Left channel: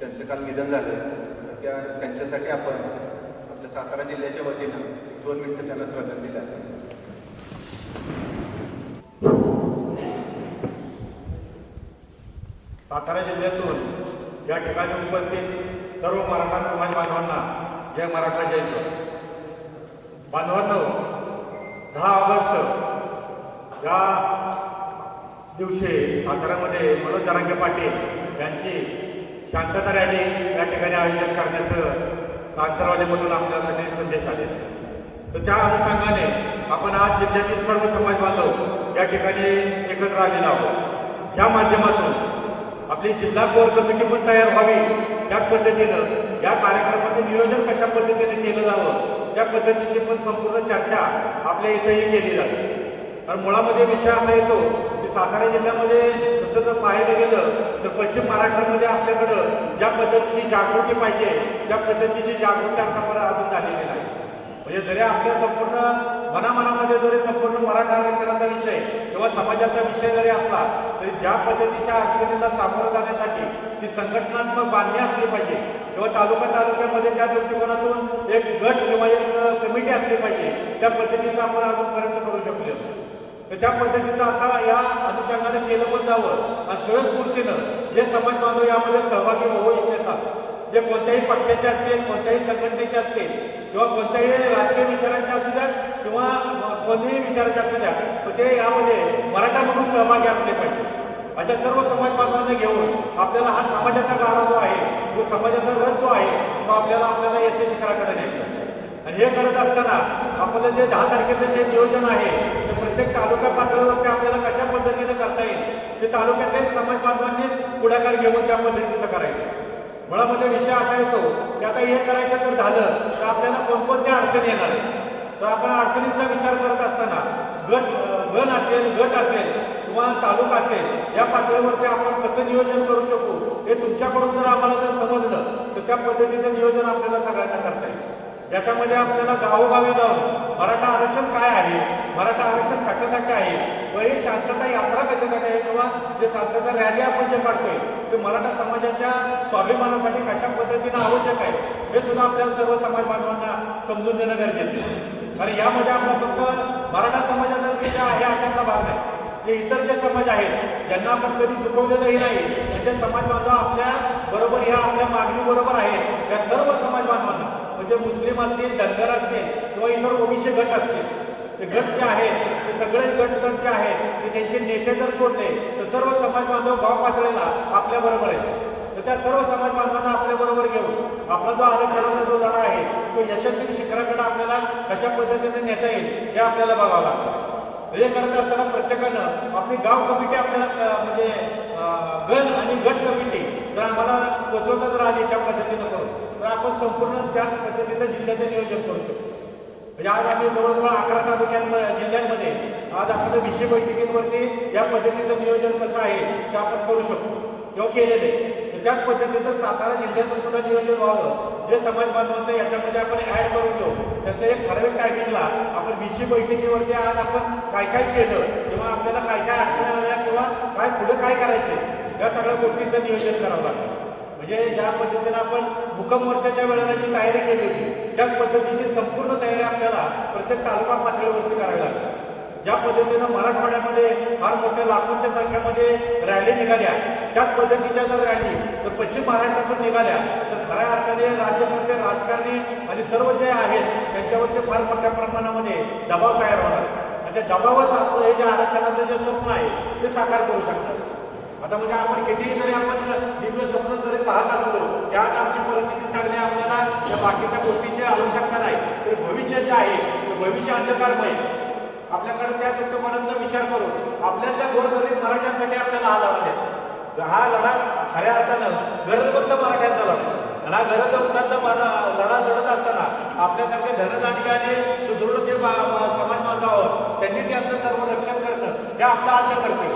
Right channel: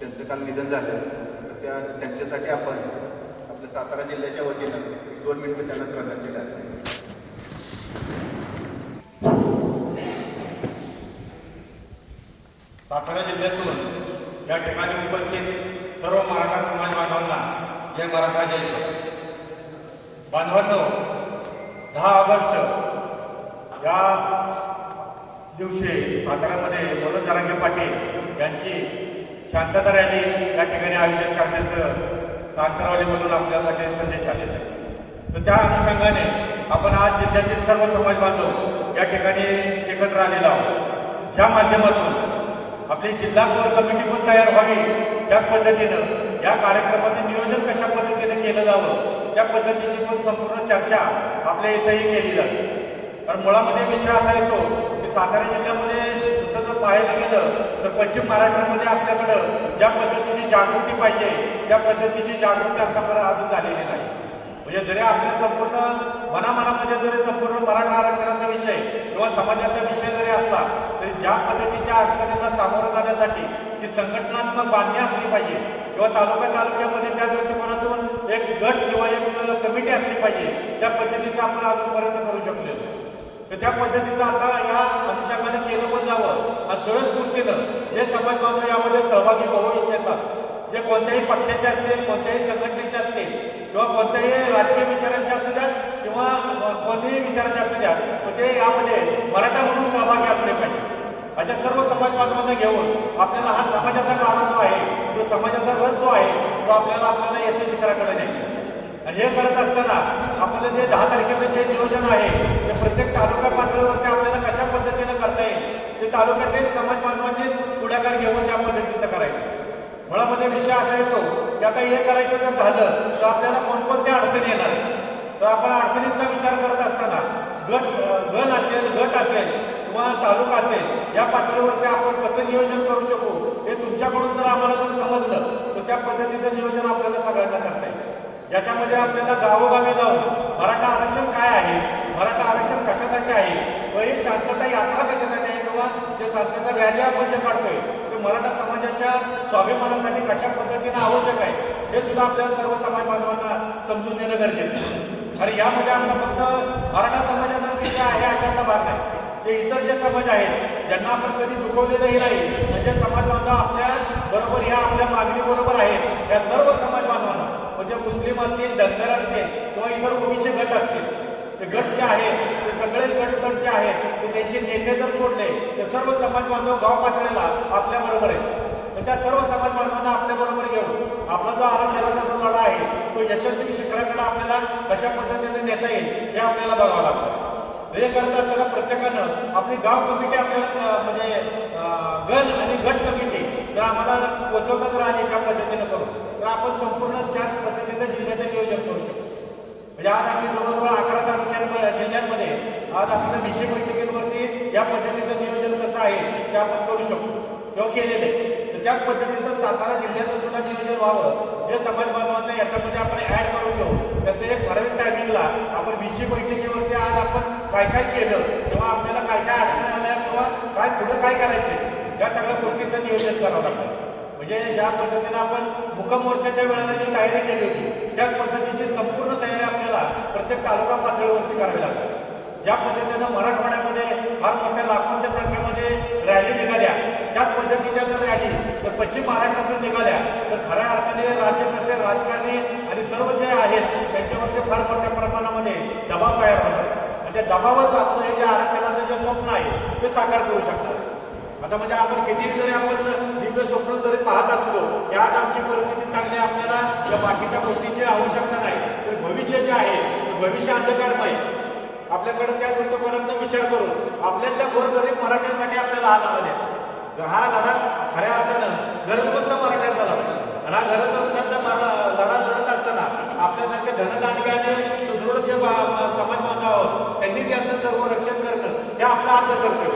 त्यांचं काल निधन झालं. तर त्या त्यांच्यासाठी आपण आपल्या सातारा जिल्ह्याच्या वतीनं दोन मिनिटं त्यांना श्रद्धांजली आहे सातारा जिल्ह्यातून या ठिकाणी उपस्थित सर्व मराठा समाज बांधवांना जय मराठा जय जय. बांधवांनो दहा ऑगस्ट या दिवशी साताऱ्यामध्ये मनोज जरांगे पाटील यांची शांतता रॅली या ठिकाणी आयोजन करण्याचं सातारवाडीमधून आपल्यासाठी संदेश आलेला आहे. तर त्या अनुषंगाने आपण आज जिल्ह्यातील सर्व समाज बांधव या ठिकाणी एकत्र आलेलो आहोत. ज्या माध्यमातून आपली जिल्हा कोर कमिटी पण तयार व्हावी त्या पद्धतीनं या कार्यक्रमाचे नियोजन कशा पद्धतीने केलं जावं त्या पद्धतीची पण संपूर्ण चर्चा आपल्या इथंही केली जाते. कारण मुळामध्ये विषय असा येतो की सातारा जिल्ह्यामध्ये जसं जर पाहायला गेलं तर पश्चिम महाराष्ट्रामध्ये आपल्याकडं ज्या पद्धतीची जागृती पाहिजे त्या पद्धतीची जागृती आतापर्यंत अजून झालेली नाही. म्हणजे जरी आपल्या संपूर्ण मनामनामध्ये जरी संपूर्ण मराठा आरक्षणाचा विषय किंवा समाजाचा विषय जरी असला तरी ज्या पद्धतीच्या अडचणींना सामोरं जाण्यासाठी ती संघटनात्मक बांधणी असली पाहिजे किंवा तालुका तालुक्यामध्ये त्या दृष्टिकोनातून एक गट किंवा एक कमिटी असली पाहिजे त्या पद्धतीचं आपण अजूनपर्यंत करू शकलो नाही. तर त्या पद्धतीचं आता या अनुषंगाने केलं पण जावं. आणि स्वयंस्फूर्तीनं जे समाज बांधव यामध्ये सहभागी होऊ इच्छितात जे कोणत्याही पक्षाचे असतील कोणत्याही संघटनेचे असतील किंवा कोणत्याही राजकीय विचारांचे असू द्या किंवा कोणत्याही विचारांचे असू द्या तर ते यामध्ये मराठा म्हणून सहभागी असले पाहिजे. अशा सर्व समाज बांधवांना घेऊन आपल्याला हा समाजाचा गाडा जो आहे तो समाजाचा रथ जो आहे तो आपल्याला आपल्याला यशस्वी शिखराकडे न्यायचा. आणि हे करत असताना आपलं जे दहा तारखेचं जे नियोजन आहे प्रत्येक तालुका पातळीवरती आपल्याला कशा पद्धतीनं करता येईल ते तालुक्यातील समाज बांधवांनी पुढाकार घेऊन त्या पद्धतीचं करायचं. मुळामध्ये विषय असा येतो की आता हे करायचं जर झालं तर आपल्याला कोणकोणत्या अडचणी येणार आहेत? तर आपण अडचणींचा विचार करत असताना गट गण असेल गट असेल किंवा तालुका असेल या पातळीवरती आपण कसं नियोजन करू शकू हे तुमच्याकडून जर आम्हाला जर समजलं तर त्या पद्धतीचं नियोजन आपल्याला सगळ्यांना करता येईल. याच्यामध्ये आपल्याला गावोगावी जाऊन मराठा आरक्षण काय आहे? मराठा आरक्षण कशासाठी आहे? व ही शांतता यात्रा कशासाठी आहे किंवा जे शांतता रॅली आपण जे काढतोय ते मराठा समाजाच्या स्वाभिमानासाठी कशा पद्धतीनं आवश्यक आहे हे सुद्धा आपल्याला सर्व समाज बांधवांना समजून देणं गरजेचं आहे. कारण यामध्ये आपला फक्त मराठा समाजाचा विषय आहे अशातला भाग नाही. ते इतर जे समाज आहेत ज्यांना आपण कधी दुखवलेलंही नाही म्हणजे समाज बांधव आपल्या बरोबर या आपल्या मागणीबरोबर आहेत या सर्व समाज बांधवांना म्हणजे मुस्लिम असतील धनगर असतील किंवा इतर ओबीसी गट असतील ते गट जे आहेत ते सगळे गट जे आहेत ते त्यांचे नेते जर सोडले तर सर्व समाज बांधव गाव पातळीला आपल्या बरोबर आहेत. तर त्या सर्व समाज बांधवांना आपल्या बरोबर घेऊन आपला जो आरक्षणाचा जो लढा आहे तो यशस्वी शिखराकडे आपल्याला कशा पद्धतीने नेता येईल हे आपल्याला बघावं लागतं. हे करत असताना प्रत्येकानं आपली गाव कमिटी आपल्याला म्हणजे गण आणि गट कमिटी जर आम्हाला पचवता जर आली त्या पद्धतीने करू तर आपण संपूर्ण त्याच पद्धतीनं जिल्ह्याचं नियोजन करू शकतो. म्हणजे आज आम्ही जवळजवळ अकरा तालुक्यांमध्ये जिल्ह्यांमध्ये आज आपण विषय बैठकींवरती या पद्धतीचं नियोजन कसं आहे ते आपण करू शकू. किंवा केलेलं आहे. तर त्याच पद्धतीचं सातारा जिल्ह्याचं सुद्धा नियोजन व्हावं. जे समाज बांधवांचं याच्यामध्ये आपण ॲड करून घेऊ. त्याचं एक ठराविक टायमिंगला आपण विषय बैठकीवरती आज आपण काय काय केलं किंवा आपल्याला काय काय अडचणी आल्या किंवा काय पुढं काय करायचं या सगळ्या गोष्टींचं नियोजन करावं लागतं. म्हणजे ज्या पद्धतीनं आपण मुकम मोर्चाच्या वेळेला जी तयारी केली होती त्याच पद्धतीची संपूर्ण तयारी आपल्याला प्रत्येक तालुका पातळीवरती करावी लागते. ज्या पद्धतीनं मराठवाड्यामध्ये फार मोठ्या लाखोंच्या संख्येमध्ये रॅली निघाल्या त्याच पद्धतीच्या जर रॅली तर पश्चिम महाराष्ट्रातून निघाल्या तर खऱ्या अर्थाने राज्यकर्ते राजकारणी आणि सर्व जे आहेत त्यांच्यावरती फार मोठ्या प्रमाणामध्ये दबाव तयार होणार. आणि त्या दबावच आपलं हे जे आरक्षणाचं जे स्वप्न आहे ते साकार करू शकतात आता म्हणजे आपण कितीही जरी आपण दिव्य स्वप्न जरी पाहत असलो त्यात आमची परिस्थिती चांगली आपल्याला या बाकीच्या गोष्टींची आवश्यकता नाही. तर भविष्य जे आहे ते भविष्य अंधकारमय. आपल्याकडे त्या दृष्टिकोनातून विचार करू. आपल्यातल्या गोरगरीब मराठ्यांसाठी आपल्याला हा लढा द्या. हा लढा खऱ्या अर्थानं गरज मराठ्यांचा लढा. आणि हा गरज फक्तांचा लढा लढत असताना आपल्यासारखे धनदानिकाने सुदृढ जे समाज बांधावं त्यांनी त्यांचं सर्व रक्षण करणं हे आपलं आद्य करते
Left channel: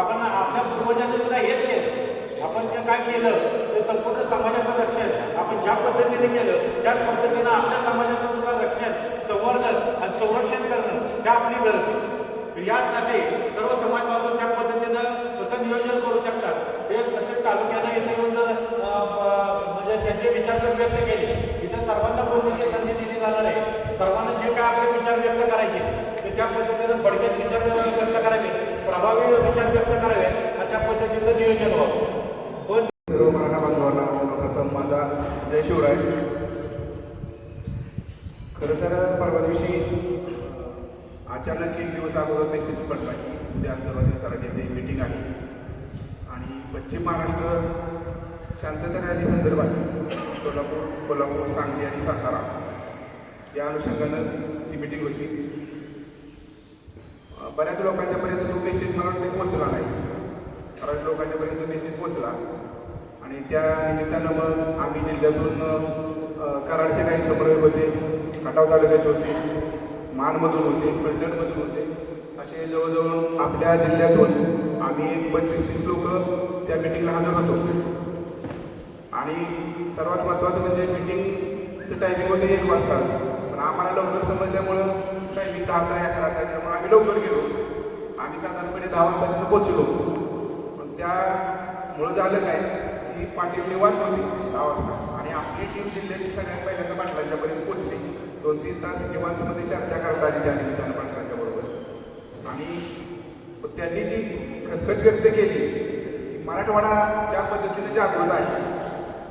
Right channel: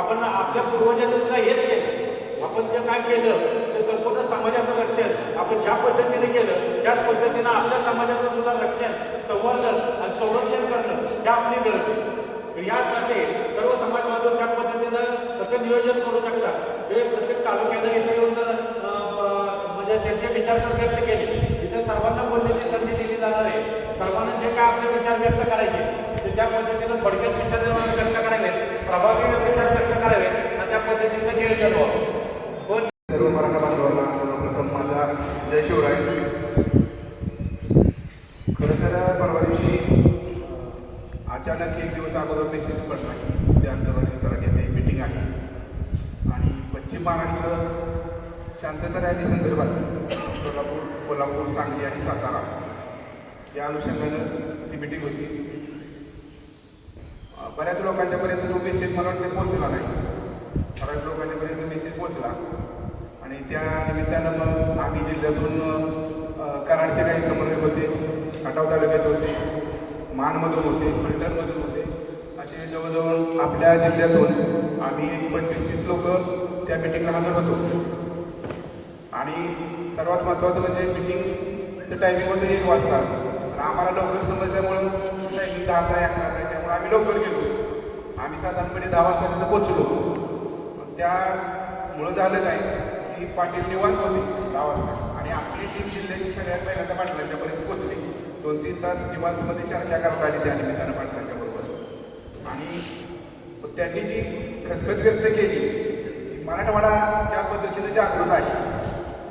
आपण आपल्या पूर्वजांनी सुद्धा हेच केलं आपण जे काय केलं ते संपूर्ण समाजाचं रक्षण. आपण ज्या पद्धतीने केलं त्याच पद्धतीनं आपल्या समाजाचं सुद्धा रक्षण संवर्धन आणि संरक्षण करणं हे आपली गरज आहे. यासाठी सर्व समाज बांधव त्या पद्धतीनं कसं नियोजन करू शकतात. हे प्रत्येक तालुक्याने इथे येऊन म्हणजे त्यांचे विचार जर व्यक्त केले इथे सर्वांना बोलण्याची संधी दिली जाणार आहे? सर्वांना जे काय आपले विचार व्यक्त करायचे ते त्या पद्धतीनं थोडक्यात विचार व्यक्त करायला प्रभावी विचार व्यक्त करावे आणि त्या पद्धतीचं नियोजन व्हावं. पण सर्व मराठा प्रथम माझा जय शिवराय. खरं तर परवा दिवशी अचानक एक दिवस अगोदर मेसेज पडला की त्या अंतर्वादी सराठी येथे मीटिंग आहे. आणि पश्चिम महाराष्ट्र शांतता रॅली संदर्भात कोल्हापूर कोल्हापूर सांगली आणि सातारा या अनुषंगानं ती मीटिंग होती. बऱ्याच बऱ्याच लोकांच्यापर्यंत जो मेसेज मला वाटतं पोहोचला नाही. बऱ्याच लोकांच्यापर्यंत मेसेज पोहोचला. आणि त्या निमित्तानं मग आम्ही जिल्ह्यातून कराडचे काही समन्वयक होते आटाव तालुक्याचे होते मानमधून होते फलटणमधून होते. असे जवळजवळ आपल्या जिल्ह्यातून आम्ही एक पंचवीस तीस लोक त्या मिटिंगला हजर होतो. आणि सर्वात महत्त्वाचं म्हणजे मिटिंगचं टायमिंग होतं एक वाजता. आम्हाला लवकर समजल्यामुळं टायमिंग दहा आहे तास आहे त्यामुळे आम्ही लवकर गेलो. साधारणपणे दहा वाजता तिथं पोचलो त्यामुळं झालं काय की पाटील निवांत होते दहा वाजता आणि आपली टीम जिल्ह्याची सगळ्यात पहिल्यांदा पाटलांच्यापर्यंत पोचली दोन तीन तास निवांतमध्ये चर्चा करता आली त्या निमित्तानं पाटलांच्याबरोबर आणि त्यांनी जी खतखत व्यक्त केली की मराठवाडा ज्या पद्धतीनं जागृत आहे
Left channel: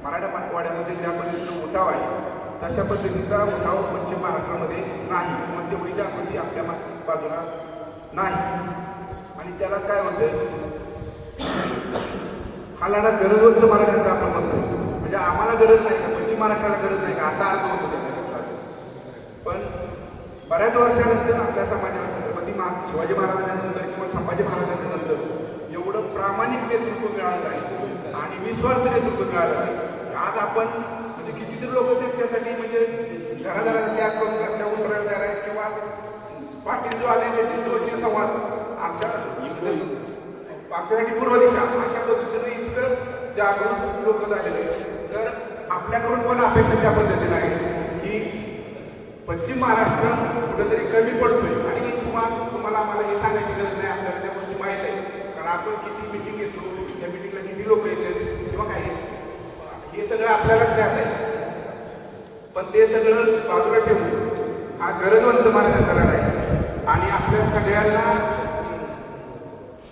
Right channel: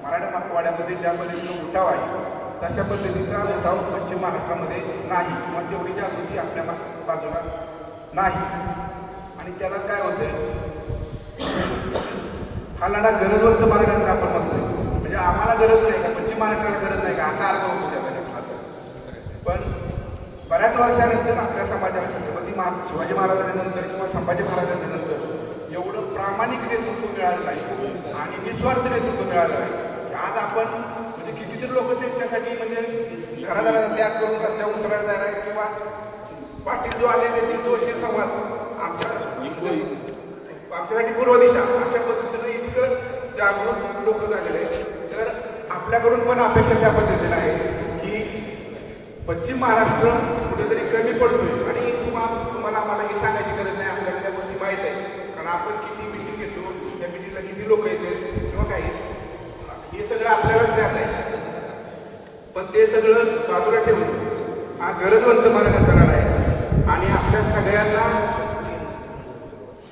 मराठवाड्यामध्ये ज्या पद्धतीनं उठाव आहे तशा पद्धतीचा उठाव पश्चिम महाराष्ट्रामध्ये नाही. किंवा तेवढी जागृती आपल्या बाजूला नाही. आणि त्याला काय म्हणते? हा लढा गरजवंत मराठ्यांचा आपण म्हणतोय. म्हणजे आम्हाला गरज नाही का? पश्चिम महाराष्ट्राला गरज नाही का? असा अर्थ होतो त्या पण बऱ्याच वर्षानंतर आपल्या समाजाला छत्रपती महा शिवाजी महाराजांनंतर किंवा संभाजी महाराजांच्या नंतर एवढं प्रामाणिक नेतृत्व मिळालं नाही. आणि निस्वार्थ नेतृत्व मिळालं नाही. आज आपण म्हणजे कितीतरी लोक त्यांच्यासाठी म्हणजे घरादारा त्याग करून रस्त्यावर उतरायला तयार किंवा पाटील जो आले त्याची जोशी संवाद आमच्यासाठी पूर्व दिशा अशा पद्धतीनं इतकं जागरूक लोक झालेले आहेत. तर आपल्याकडून पण अपेक्षा त्या पद्धतीने आहे की पश्चिम महाराष्ट्र कुठेतरी कमी पडतोय आणि तुम्हाला तुम्हाला आम्हाला हे सांगायची गरज नाही आपल्याला त्या गोष्टी माहीत आहे कारण आपण किती मिटिंग घेतो त्या मिटिंगला किती लोक येतात किंवा काय हे सगळं आपल्याला ज्ञात आहे पण ते सगळं बाजूला ठेवून हा गरजवंत मानण्याचा लढा आहे आणि आपल्या सगळ्यांना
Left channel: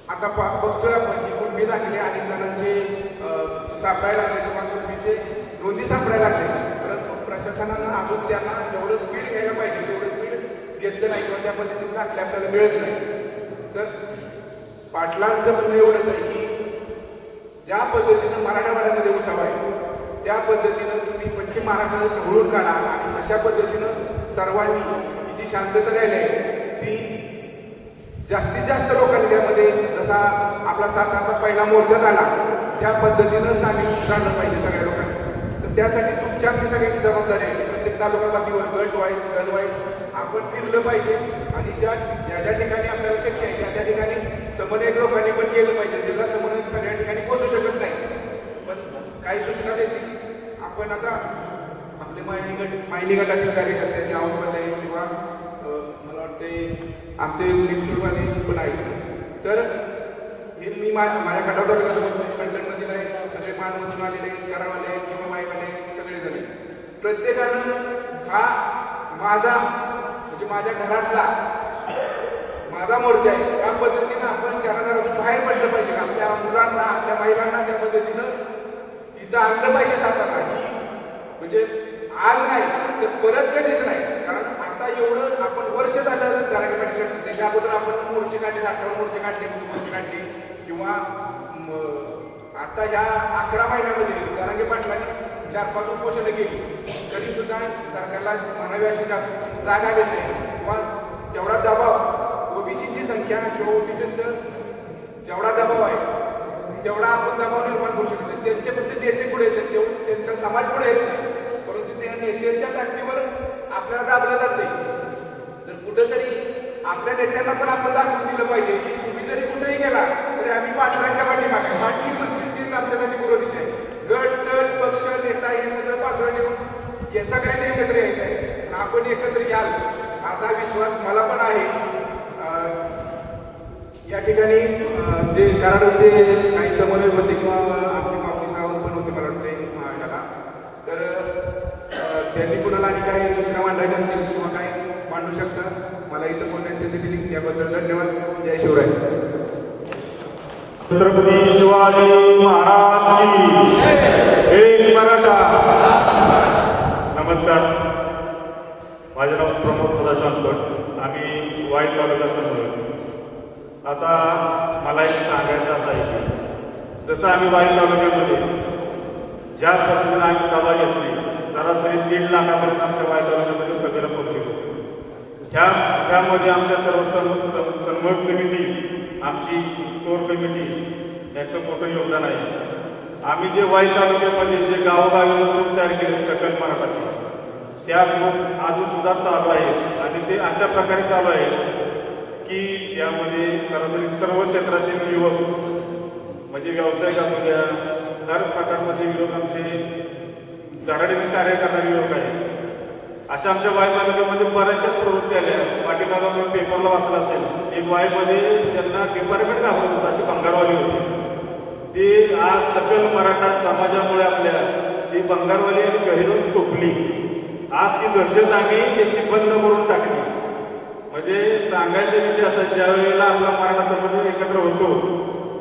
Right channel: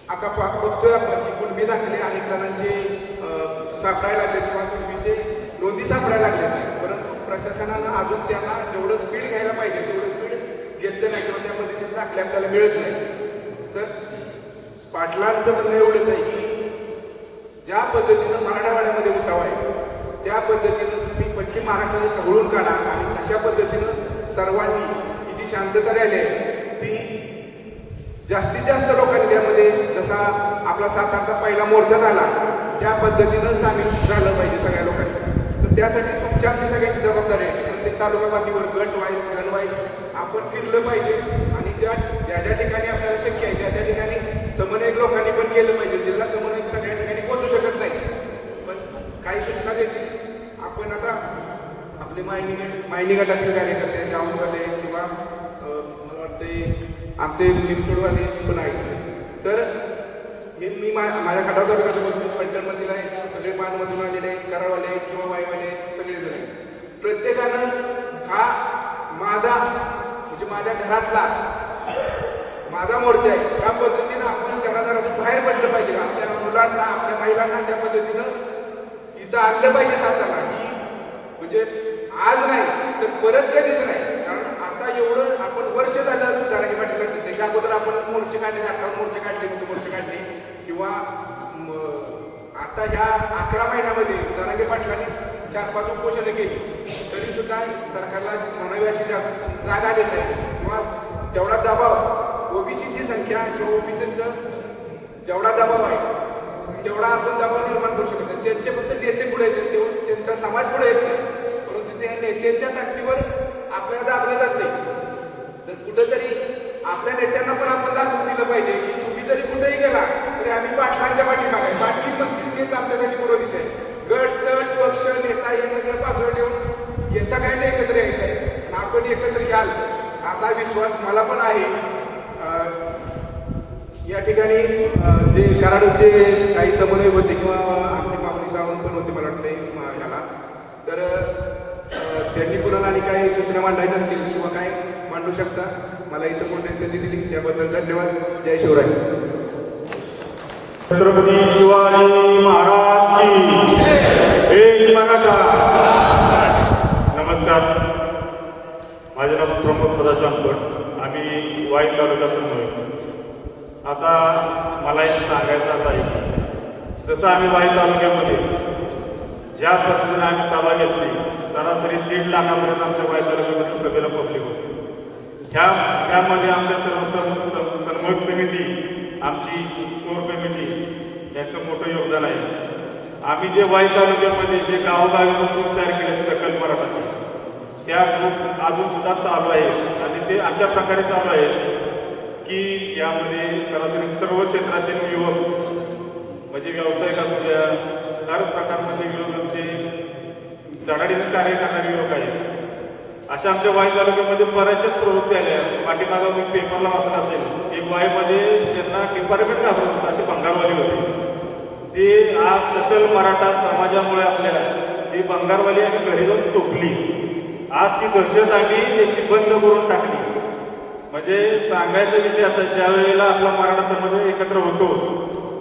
आता पा- बघतोय आपण की कुणबी दाखले अनेक जणांचे अं, सापडायला लागले किंवा कुणबीचे नोंदी सापडायला लागले परंतु प्रशासनानं अजून त्यांना जेवढं स्पीड घ्यायला पाहिजे तेवढं स्पीड घेतलं नाही किंवा त्या पद्धतीने दाखले आपल्याला मिळत नाही तर पाटलांचं म्हणणं एवढंच आहे की ज्या पद्धतीनं मराठवाड्यामध्ये उठाव आहे त्या पद्धतीनं तुम्ही पश्चिम महाराष्ट्राला ढवळून काढा आणि अशा पद्धतीनं सर्वांनी ही जी शांतता राहिली आहे ती जास्तीत जास्त लोकांनी त्यामध्ये जसा आपला सातारचा पहिला मोर्चा झाला त्या पद्धतीनं सामील झालं पाहिजे सगळ्या लोकांनी. तर त्यासाठी तुमची आमची सगळ्यांची जबाबदारी आहे की प्रत्येक तालुका पातळीवर गट वाईज गण वाईज आपण फिरलं पाहिजे. आणि ज्या ज्या ज्या ठिकाणी आपल्याला शक्य आहे त्या त्या ठिकाणी समन्वयक लोकांनी पण केलं पाहिजे. जिल्हा समन्वयक सगळ्या ठिकाणी पोहोचू शकत नाही. पण काही सूचना देतील. आपण आता आपले मायनी गट मायनी गटातील कार्यकर्ते जाऊनवाले किंवा मला वाटतं आमचे लिमसोडवाले पण आहेत. तर हे मी मा माझ्या खटावदार आहे आहेत सगळे पानमधून आलेले आहेत करावाले आहेत किंवा बाईवाले आहेत सगळेजण प्रत्येकानं हा माझा म्हणजे माझ्या घरातला माझा मोर्चा आहे. या पद्धतीनं आपण घरादारातून बाहेर पडलं पाहिजे. आपल्या मुलांना आपल्या महिलांना त्या पद्धतीनं इथं आणलं पाहिजे सातारा. ही म्हणजे आज नाही तर परत कधीच नाही. कारण आता एवढं आपण वर्ष झालं जारागी पाटील काढलं त्याच्या अगोदर आपण मोर्चे काढले अठरा मोर्चे काढले मोर्चे काढले किंवा आता ह्या अकरा महिन्यामध्ये जरांगे पाटलांनी चार पाच उपोषणं केली. तरी सुद्धा सरकारला म्हणावी अशी जास्त जागा आलेली नाही. किंवा जेवढा दबाव ओबीसीची संख्या किंवा ओबीसीचं जेवढा दबाव आहे तेवढा आपण दबाव निर्माण करू शकत नाही. त्यांचे फक्त नेते पुढे येतात तेवढं त्यांचा समाज पुढे येत नाही. परंतु त्या नेत्यांच्या ताकदीवर आपल्याला दाबलं जात नाही तर कुठंतरी आपल्या नेत्यांना पण आपण दाखवून दिलं पाहिजे की तुम्ही जरी कुठेही गेला तरी आम्ही पाटलांच्या पाठीमागे. पाटील म्हणतील तेच आमच्यासाठी पूर्व आहे गट तट पक्ष नेता हे सगळं पात्र ठेवून याचा काही नाही एकत्र यायचं आहे आपण एकत्र याल असा विश्वास मला पण आहे. अं, कराडचे काही समन्वय होते किंवा आमचे मागणी सावंत पण होते मला वाटते ह्याला. तर त्यांनी कुणाला आणि काही सूचना मांडायच्या असतील? किंवा शकता? मला इथं बोलण्याची संधी दिली. त्याबद्दल धन्यवाद. जय शिवराय. छत्रपती शिवाजी महाराज एक मराठा. नमस्कार. माझे नाव प्रमुख सदाशांत भट आम्ही वाईट तालुका समन्वय आता मला एक सांगायचं असं आहे जसं आम्ही वाई तालुक्यामध्ये ज्या पद्धतीने आम्ही सभा घेतली सरासरी दीड लाखापर्यंत आमच्या वाई तालुक्यामध्ये सगळ्याला पब्लिक होती ह्या त्यामध्ये आमच्या सर्व सर्व स- समिती आमची कोर कमिटी यांचं मोठं योगदान आहे. आम्ही जे वाई तालुक्यामध्ये जे गावोगावी ग्रुप तयार केले सकल मराठाचे त्या ग्रुप अजून सुद्धा चालू आहे. आणि ते अशा प्रकारे चालू आहे की यामध्ये सरासरी सर्व क्षेत्रातील युवक म्हणजे व्यावसायिक असू द्या हर प्रकारमध्ये युवक आमचे धडाडीने कार्य करणारे युवक आहेत अशा आमच्या वाई तालुक्यामध्ये बऱ्याचशाच प्रवृत्ती आल्या. पाठीमागा आपण पेपरला वाचलं असेल. एक वाईमध्ये ज्यांना डिपार्टमेंट घाबरत होतं अशी बंगारवाली होती. ते आज सकल मराठा समाजामुळे आपल्याला ती बंगारवाली आम्ही घरी जाऊन सोपली आज ती दहशत आम्ही त्याची बंद करून टाकली. म्हणजे सांगायचा विषय असा ज्या वेळेला आपला मराठा समाज एकत्र होतो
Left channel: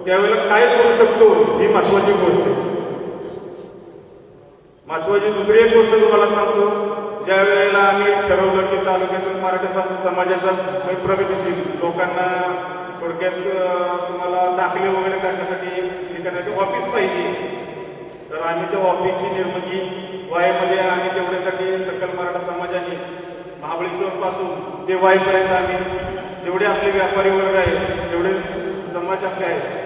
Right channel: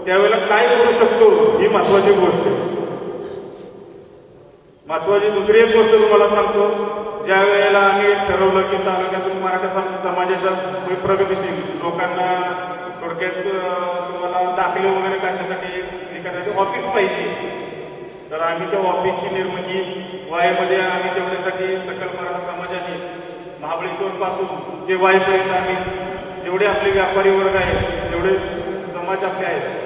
त्यावेळेला काय करू शकतो ही महत्वाची गोष्ट. महत्वाची दुसरी एक गोष्ट तुम्हाला सांगतो. ज्या वेळेला आम्ही ठरवलं की तालुक्यातून मराठा सम- समाजाचा प्रगतीशील लोकांना थोडक्यात तुम्हाला दाखले वगैरे काढण्यासाठी एखाद्या ऑफिस पाहिजे. तर आम्ही त्या ऑफिसची निर्मिती वाईमध्ये आम्ही तेवढ्यासाठी सकल मराठा समाजाने महाबळेश्वर पासून ते वायपर्यंत आम्ही जेवढे आपले व्यापारी वर्ग आहेत तेवढे समाज आपले आहेत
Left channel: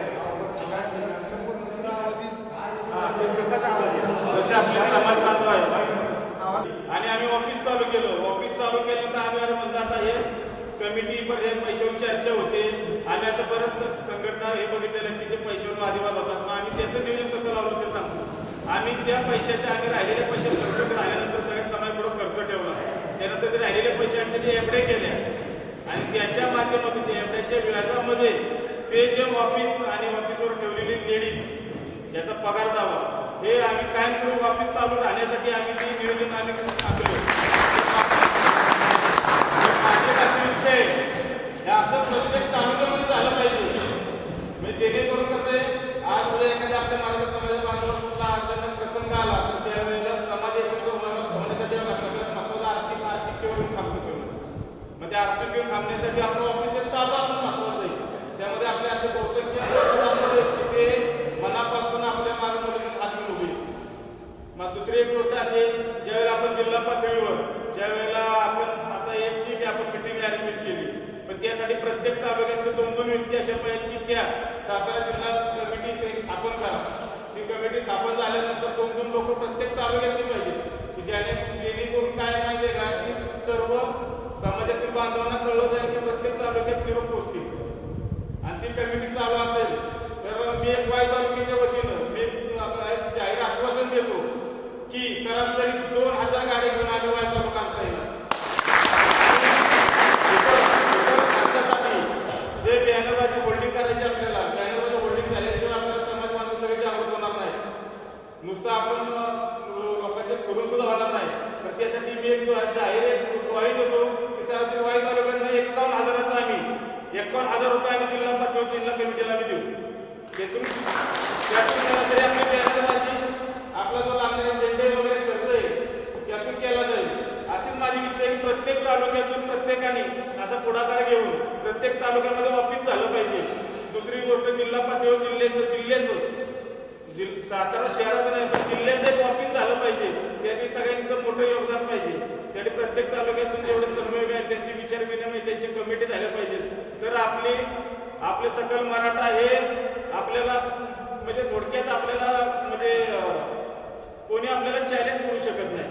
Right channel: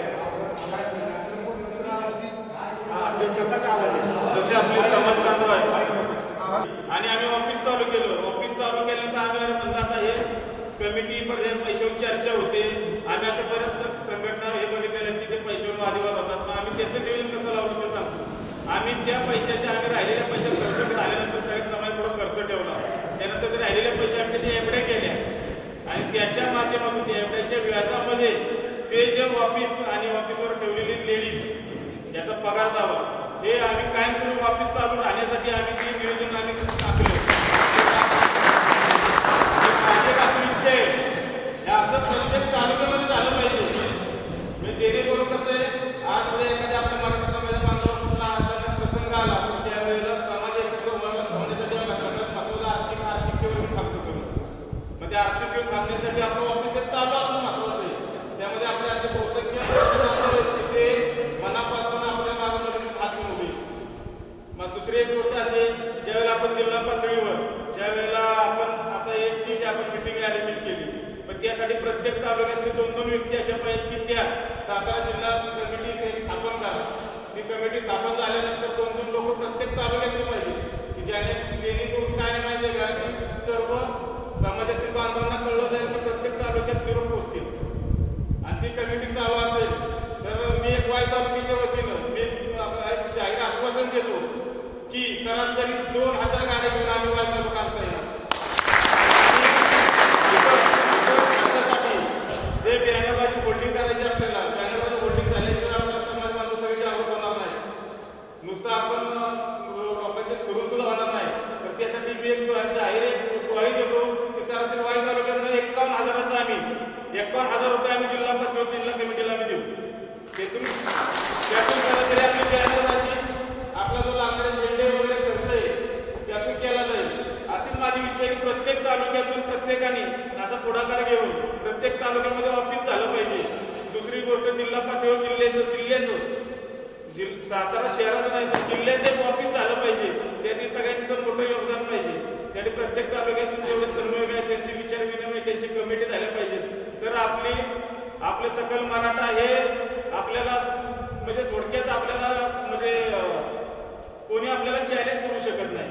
जसे आपले समाज बांधव आहेत आणि आम्ही ऑफिस चालू केलं ऑफिस चालू केल्यानंतर आम्ही अरे म्हणलं आता हे कमिटी पर्यंत पैशावर चर्चा होते. आम्ही असं बऱ्याच संघटना हे बघितलेलं की ते पैशावर वादिवाद होतात. मग आम्ही त्याचं नियोजन कसं लावलं ते सांगतो. आम्ही त्या पैशाचे आम्ही राहिलेल्या पैशात खर्च झाल्यानंतर सगळ्या समाज पुढे खर्च ठेवला. त्यानंतर ते राहिलेले पैसे आम्ही त्याचे एवढे केल्या आणि त्याच्या माध्यमातून त्या एवढ्याच्या व्याजामध्ये ते जे ऑफिस आणि ऑफिसवर ठेवलेली लेडीज याचा पगार जावा. हे आम्ही कायमस्वरूप वापिस चालू राहण्यासाठी आम्ही ते नियोजन आम्ही आखलं तर इच्छा आहे हे असं प्रत्येक तालुक्यामध्ये झालं पाहिजे. म्हणजे जेणेकरून कसं आहे आज उद्या एखाद्या आपल्या मराठा समाजा बांधवाला कुठला अचानक प्रसंग आला तर त्यावेळेला समाज एकत्र होण्या- होण्यासाठी बघा सगळ्यात महत्वाचं आर्थिक आर्थिकतेवर येऊन थांबतं सगळं. मग ते आर्थिक येऊन थांबण्यासाठी आपलं ऑफिस चालू असणं महत्वाचं आहे. त्यामध्ये आपले असे बहुसंख्य बांधव आहेत की मनापासून आपल्या मागे मदतीस हात घेऊन उभे. मग दुसरी एक गोष्ट अशी ज्यावेळेला आपण जिल्हा पातळीवर ज्या आपण आता एक ठीक आहे आपण मिटिंग अरेंजमेंट केली. पण त्यासाठी प्रत्येक तालुक्यातले दोन दोन व्यक्ती अशा पाहिजेत की त्या सातारा जिल्हा कमिटी स्थापन करा. ती कमिटी स्थापन झाल्यानंतर दोन दोन लोक प्रत्येक तालुक्यातली पाहिजे की ज्याने जेणेकरून काय माहिती आहे का? की सर्व समाजातील बांधवांना कळलं जाईल की प्रत्येक तालुक्यात निरोप पोचतील. आणि ती कमिटी चालू असेल तर मी एक वाई तालुक्याच्या वतीनं मी एक जाहीर आश्वासन देतो की सरासरी दोन हजार गाड्या घेऊन आम्ही वाई तालुका आमचा येणार आणि इथं- इथं आमच्यासाठी जे बॅनरबाजी होल्डिंग करायची आपल्याला. बॅनरबाजी होल्डिंग झाल्याशिवाय आपला समाज बांधव सगळ्याची आवड होणार नाही. नुसतं आपण लोकांचे करून सुद्धा होणार नाही. तर त्यासाठी मी एक जाहीर एक देतो की सरासरी वाई तालुक्यानं एकावन्न हजाराचा आम्ही एकावन्न हजार रुपये आम्ही जिल्हा पातळीवर जिल्हा कमिटीला आम्ही देऊ. त्यातून त्यातून सरासरी आपली बॅनरबाजी आपला जो लागणारे झेंडे वगैरे खर्च आहे त्यातून केला जाईल. अशीच माझी इच्छा आहे की प्रत्येक तालुक्यातून प्रत्येकाने असा पुढाकार घेऊन प्रत्येक तालुक्यामध्ये ऑफिस झालं पाहिजे. दुसरी गोष्ट जिल्हा पातळीवर जिल्ह्याचं जिल्ह्याचं. जिल सातारा शहराचं नाही पण जिल्ह्याचं एक ऑफिस झालं पाहिजे. त्यासाठी सगळ्यांचं मोठं योगदान पाहिजे. त्यासाठी प्रत्येक तालुक्यातून जेवढे सर्वयोग आहेत त्यांची विचार विनिमय त्यांची कमिटी झाल्या पाहिजेत. तर आपली आपले सकल मराठा हे आपल्याला म्हणजे थोडक्यात आपल्याला म्हणजे कोणी आपल्याला चॅलेंज करू शकत नाही.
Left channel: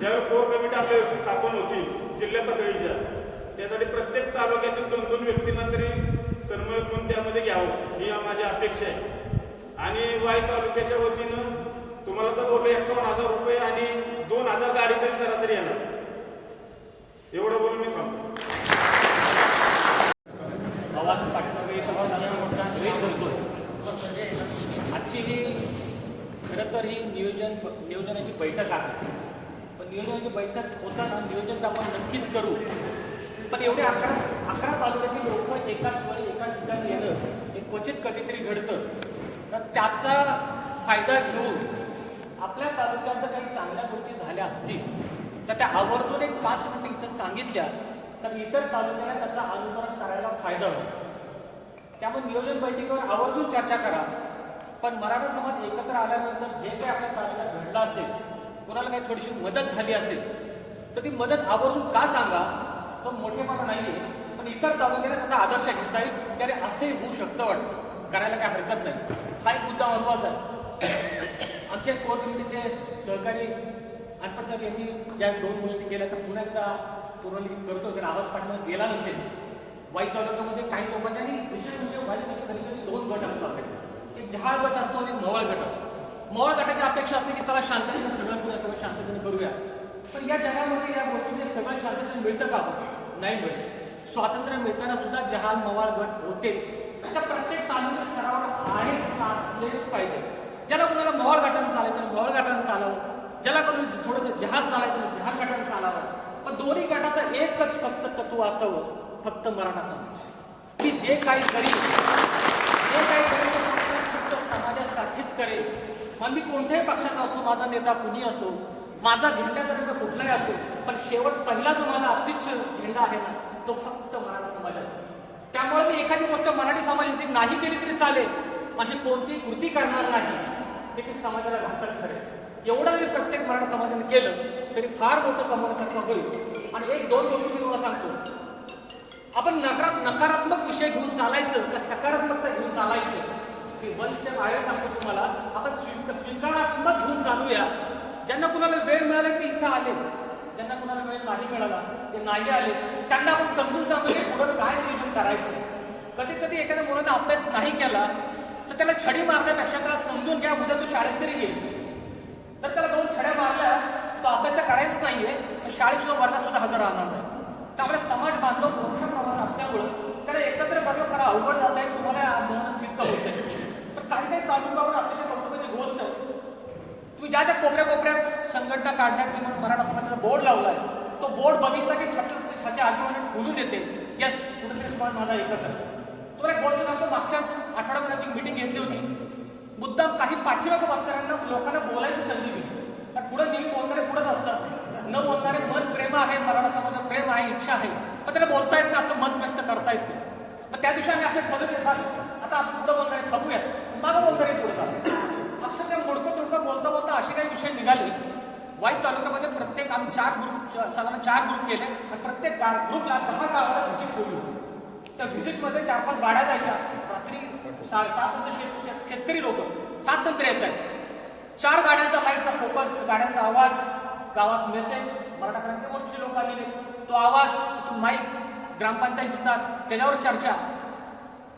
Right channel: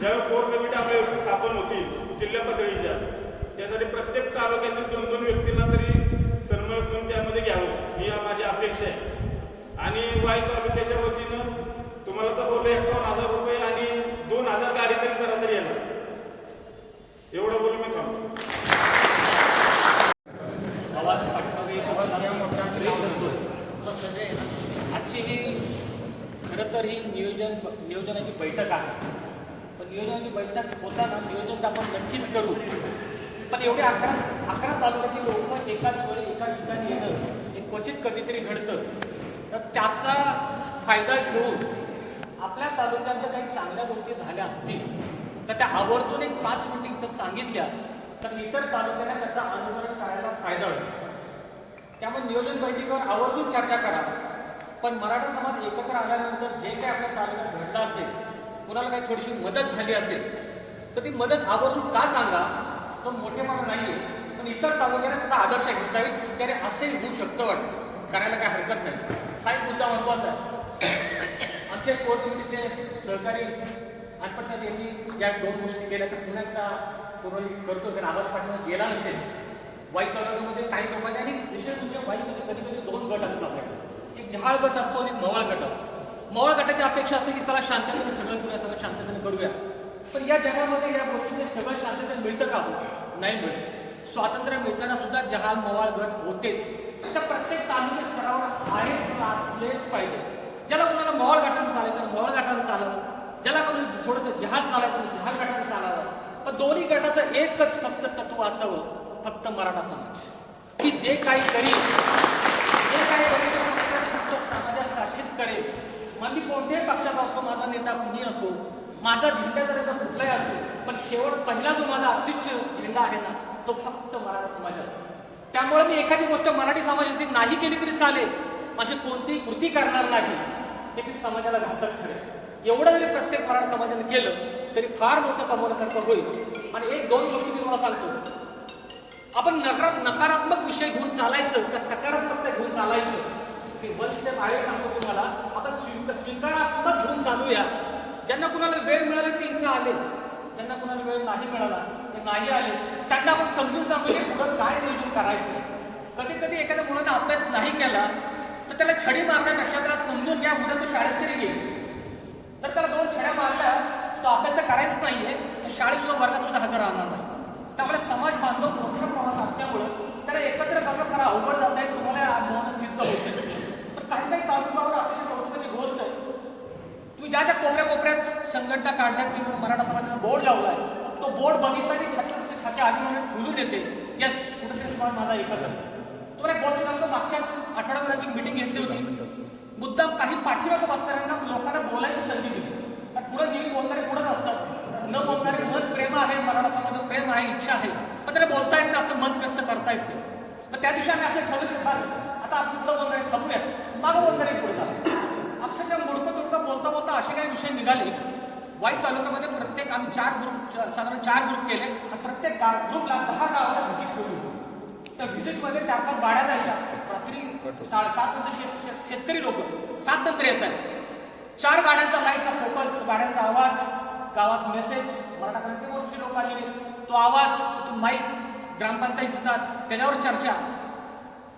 ज्यावेळी कोर कमिटी आपल्या व्यवस्थित स्थापन होतील जिल्हा पातळीच्या. त्यासाठी प्रत्येक तालुक्यातील दोन दोन व्यक्तींना तरी सन्मानित म्हणून त्यामध्ये घ्यावं ही माझी अपेक्षा आहे. आणि वाई तालुक्याच्या वतीनं तुम्हाला तर बोललो एकावन्न हजार रुपये आणि दोन हजार गाडी तरी सरासरी येणार. एवढं बोलून मी थांबतो आवाज पाठीमागे? मोठा. आजची ही खरं तर ही नियोजन नियोजनाची बैठक आहे. पण नियोजनाची बैठक होताना नियोजन तर आपण नक्कीच करू. पण एवढे अकरा अकरा तालुक्यातील लोक एकाच वेळी एका ठिकाणी येणं हे क्वचित कधीतरी घडतं. तर त्याचा फायदा घेऊन आपल्या तालुक्यात जर काही चांगल्या गोष्टी झाल्या असतील तर त्या आवर्जून एक पाच मिनिटं इथं सांगितल्या तर इतर तालुक्याला त्याचा अनुकरण करायला फायदा होईल. त्यामुळे नियोजन बैठकीवर आवर्जून चर्चा करा. पण मराठा समाज एकत्र आल्यानंतर जे काही आपल्या तालुक्यात घडलं असेल कोणाला काही थोडीशी मदत झाली असेल तर ती मदत आवर्जून का सांगा? तो मोठेपणा नाही आहे पण इतर तालुक्याने त्याचा आदर्श घेता येईल त्याने असे होऊ शकतं वाटतं. करायला काही हरकत नाही. हा एक मुद्दा महत्त्वाचा आहे. आमच्या कोर कमिटीचे सहकारी साहेब यांनी ज्या दोन गोष्टी केल्या तर पुन्हा एकदा पूर्वलिखित करतो कारण आवाज पाठवण्यात गेला नसेल. वाईट तालुक्यामध्ये काही लोकांनी आणि विशेष म्हणजे वाईट कधी कधी दोन गट असतात एक जहाळ गट असतो आणि एक मोवाळ गट असतो. मोवाळ गटाची अपेक्षा असते की चला शांततेने सगळं करूया सगळं शांततेने करूया. पण या जगामध्ये या गोष्टींचे सगळं शांततेने मिळतं का? नाही मिळत. स्वातंत्र्य मिळताना सुद्धा जहाल मवाळ गट होतेच. आता प्रत्येक तालुक्या स्तरावर आहेत असलेच पाहिजे. ज्याला कोणाला मवाळ गटानं चालवतं मवाळ गटानं चालावं ज्याला कोणी थोडंसं जहाज चालायचं जहाज गटानं चालावं पण दोन्ही गटाचं एकच फक्त तत्व असावं फक्त मराठा समाज. की जे काही करील जे काही करेल फक्त फक्त समाजासाठीच करेल. मग मी कोणत्याही पक्षात असो माझा नेता कुणी असो माझा झेंडा जर का कुठलाही असेल पण शेवट पहिला जो माझा अतिच्छ झेंडा आहे ना तो फक्त मराठा समाजाचा. त्यामुळे मी एखादी गोष्ट मराठी समाजाची नाही केली तरी चालेल अशी कोणतीही कृती करणार नाही हे की समाजाला घातक ठरेल. एवढं जरी प्रत्येक मराठा समाजाने केलं तरी फार मोठं कमवण्यासाठी होईल. आणि एक दोन गोष्टी मी तुम्हाला सांगतो. आपण नकार नकारात्मक विषय घेऊन चालायचं का सकारात्मकता घेऊन चालायचं मी वन स्टेप आहे सांगतो तुम्हाला. आपण स्वी स्वीकारात्मक घेऊन चालूया. ज्यांना कुणाला वेळ मिळाला ते इथं आले ज्यांना कुणाला वेळ नाही मिळाला ते नाही आले त्यांना आपण समजून सांगू पुढं काय नियोजन करायचं? कधी कधी एखाद्या मुलाने अभ्यास नाही केला तर त्याला छडी मारण्यापेक्षा त्याला समजून घ्या उद्या तो शाळेत तरी येईल तर त्याला दोन छड्या मारल्या तो अभ्यास तर करायचाच नाहीये तर शाळेत सुद्धा वर्गात सुद्धा हजर राहणार नाही. त्यामुळे समाज बांधव मोठ्या प्रमाणात असल्यामुळं त्याला एकत्र करणं फार अवघड जात आहे तुम्हाला या अनुभवानं सिद्ध होत आहे पण काही काही तालुक्यावर अतिशय कौतुकाची गोष्ट ज्या ज्या त्या कोपऱ्या कोपऱ्यात संघटना काढण्यात की म्हणून मराठा समाजाचा बोर्ड लावलाय तो बोर्ड बघितला की छात्र छाती आधीमध्ये फुलून येते यस कुठेतरी समाज माझा एकत्र. तुम्हाला एक गोष्ट सांगतो मागच्याच आठवड्यामध्ये आमची मीटिंग घेतली होती. मुद्दाम काही पाठीमागं बसणाऱ्यांना लोकांना बोलायची संधी दिली. पण पुढे नेहमी बोलणारे पुढेच असतात. न बोलणारे मन प्रेम आहे मराठा समाजात प्रेम आहे इच्छा आहे. पण त्याला बोलता येत नाही आपलं मत व्यक्त करता येत नाही. मग त्या दिवशी आम्ही असे ठरवले बस आता आपण पुढे बोलणारे थांबूया मागं बोलणारे पुढे जातो अक्षरशः मोडकं तोडकं बोलता बोलता असे काही विषय निघाले. वाईट तालुक्यामध्ये प्रत्येक आम्ही चार ग्रुप साधारण चार ग्रुप केले. आणि प्रत्येक गा ग्रुपला दहा गावाला व्हिजिट केली. होती त्या व्हिजिटमध्ये चार पाच गाड्या जायच्या. रात्री साडेसात नंतर शेत शेत- शेतकरी लोक. सात नंतर येत आहेत. चार गाड्यांचा लाईटचा फोकस गाड्यांचा आवाज गावात मेसेज मराठा क्रांतीमोर्चाचे लोक आलेले तो आवाज तो माईक ग्रामपंचायत येतात. त्याच्यावर चर्चा.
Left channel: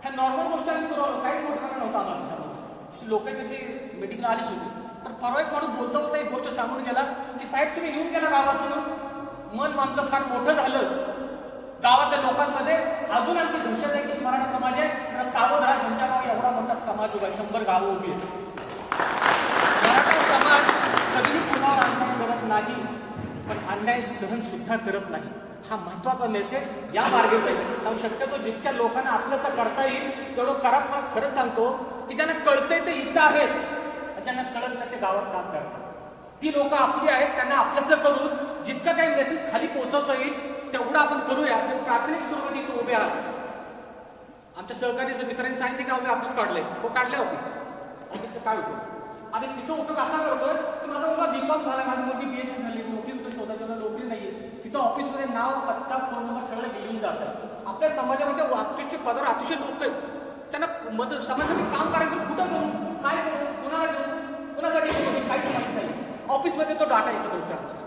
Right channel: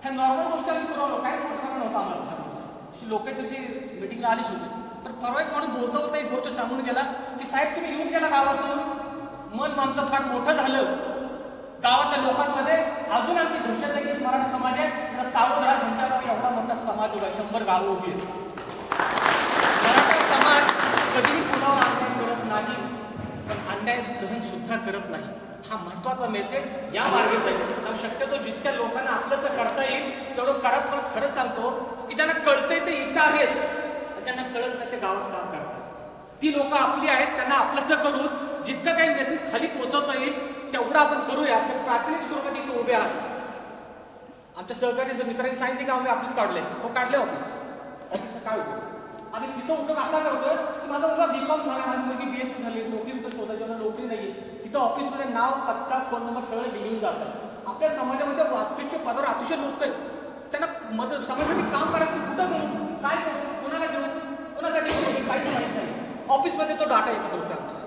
ह्या नॉर्मल गोष्टी आम्ही पुरवलो काही कारण होतं आम्हाला लोक तशी मिटिंगला आलीच होती. तर परवा एक माणूस बोलता बोलता एक गोष्ट सांगून गेला की साहेब तुम्ही येऊन गेला गावातून. मन आमचं फार मोठं झालं. गावाच्या लोकांमध्ये अजून आमची दहशत आहे की मराठा समाज आहे. तर सावध राहा त्यांच्या गाव एवढा मोठा समाज उभा शंभर गावं उभी आहेत. मराठा समाज कधीही कुणावर अन्याय करत नाही पण अन्याय सहन सुद्धा करत नाही. हा महत्त्वाचा मेसेज या मार्गात कारण शक्यतो जितक्या लोकांना आपलंसं करता येईल तेवढं करत खरं सांगतो की ज्यांना कळतंय ते इथं आहेत. त्यांना कळत नाही ते गावात काम करतात? ती लोक आपली आहेत त्यांना आपलंसं करून जितकं काही मेसेज खाली पोहोचवता येईल तेवढं आपण करूया. ते प्राथमिक स्वरूपात इथं उभे आहात. आमच्या सहकारी मित्रांनी सांगितले की आम्ही ऑफिस काढले तो काढले ऑफिस ऑफिसचं काय होतं? आणि तिथं उपयोग असा करतो की माझा मुलगा बी कॉम झाला माझी मुलगी बी एस झाली नोकरी कुठं शोधायची मला नोकरी नाही तिथं ऑफिसमध्ये नाव पत्ता फोन नंबर सगळं लिहून जातात आपल्या समाजामध्ये अत्युच्च पदावर अतिशय लोक आहेत. त्यांना मदत समाजासाठी काम करायचं कुठं करू काय करू? कोणाला करू कोणासाठी करू काहीच माहीत नाही. ऑफिसमध्ये तो डाटा एकत्र होतो आमचा.